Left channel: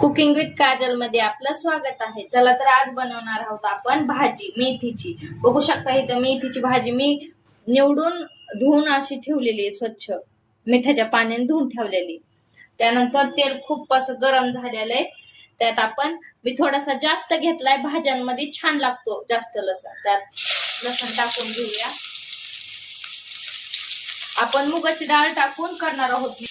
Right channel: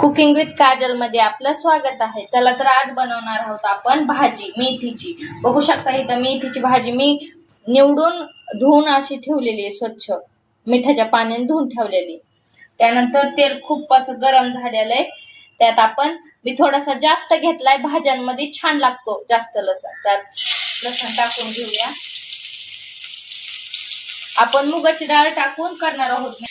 Cooking with Kajal मध्ये आपलं स्वागत आहे। चला तर आज बनवणार आहोत आपण भाजी मेथीची। बघू शकता इथं मेथीची भाजी मी निवडून धुवून अशी ठेवलेली आहे, स्वच्छ मिठाच्या पाण्याने धुवून ठेवलेली। त्यानंतर तेल खूप असं गरम झालेलं आहे, त्यात आपण मी थोडासा जास्त घेतलाय, भाज्यांमध्ये छान लागतो जास्त लसूण। त्यात लसूण टाकून घेऊया। आपण मुगाची डाळ टाकून करणार आहोत।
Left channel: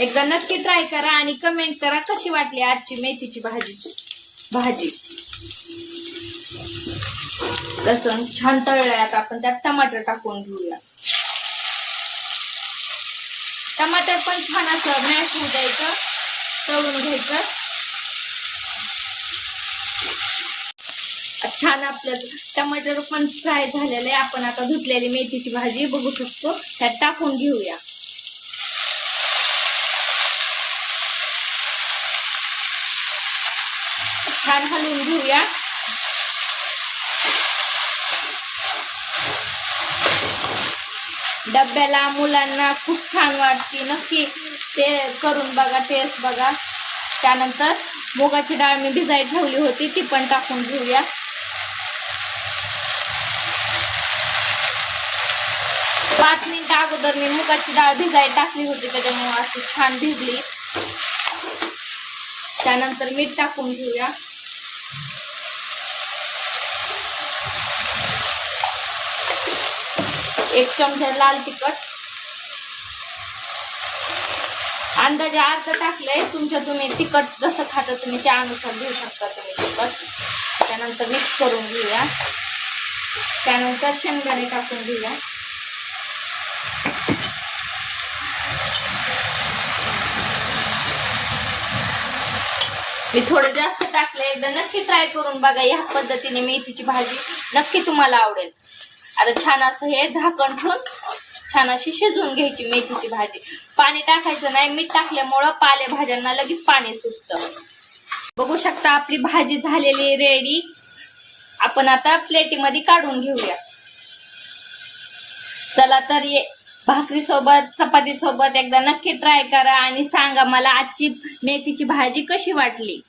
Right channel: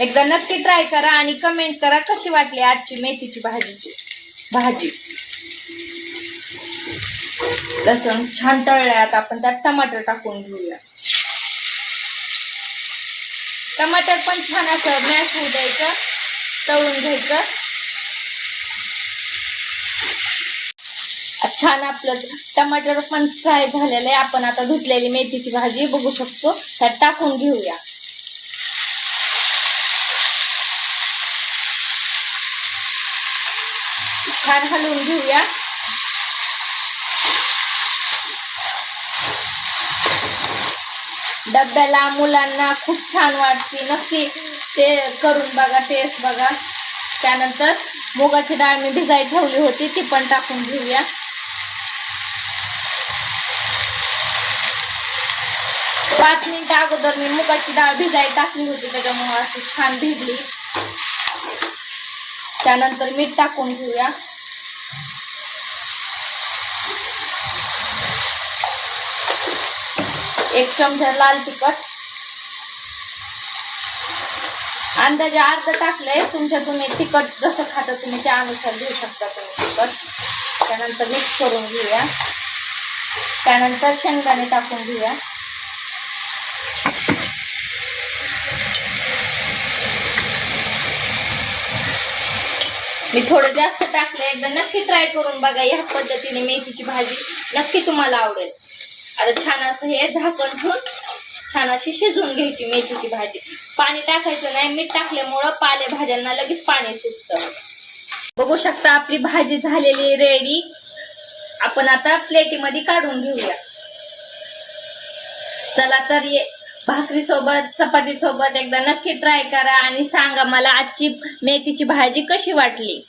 एकदा नक्की ट्राय करा आणि कमेंट करा कशी वाटली आजची मेथीची भाजी। लसूण छान तळलंय, आता आपण त्यात टमाटर टाकून घेऊया। टमाटर पण छान असं मॅश होऊ द्यायचं, तळून घ्यायचं। छान आपलं टमाटर पण फ्राय झालेलं आहे। आपण आता धुतलेली मेथीची भाजी बघू शकतो त्यात टाकून घेऊया। छान हलवून घेऊया। डब्याला मुलांना खूप छान वाटते, नक्की ते करून बघा, टेस्ट बघा। त्यानंतर मुगाची डाळ मी भिजायला ठेवली होती, ती पण टाकून घेऊया। पाच मिनिटं अगोदर मी मुगाची डाळ भिजायला टाकली होती, त्याच्यामुळे अशी छान भिजली। त्यानंतर मीठ टाकून घेऊया। एक चमचा लाल तिखट, अंदाजे अर्ध टाकलंय, तुम्ही तिखट जसं खाता तुम्ही त्या अनुसार घेऊ शकता तुम्ही तिखट। त्यानंतर मिक्स करून घेऊया। त्यानंतर शेंगदाणे टाकून घेऊया। मी थोडं जास्त टाकलंय, एकदा नक्की ट्राय करून बघा। या पद्धतीने मेथीची भाजी नक्की तुम्हाला आवडेल। आता छान असं हे झाकण ठेवून छान अशी शिजवून घ्यायची मेथीची भाजी। पाणी टाकायचं नाही, मीठ टाकल्यामुळं पालेभाज्यांना लगेच पाणी सुटतं। बघू शकता आपली भाजी झालेली रेडी। आपण आता प्लेटीमध्ये काढून घेऊया। चला तर भाकरी सोबत चपाती सोबत एकदा नक्की ट्राय करा आणि सांगा मला आजची मेथीची भाजी कशी वाटली।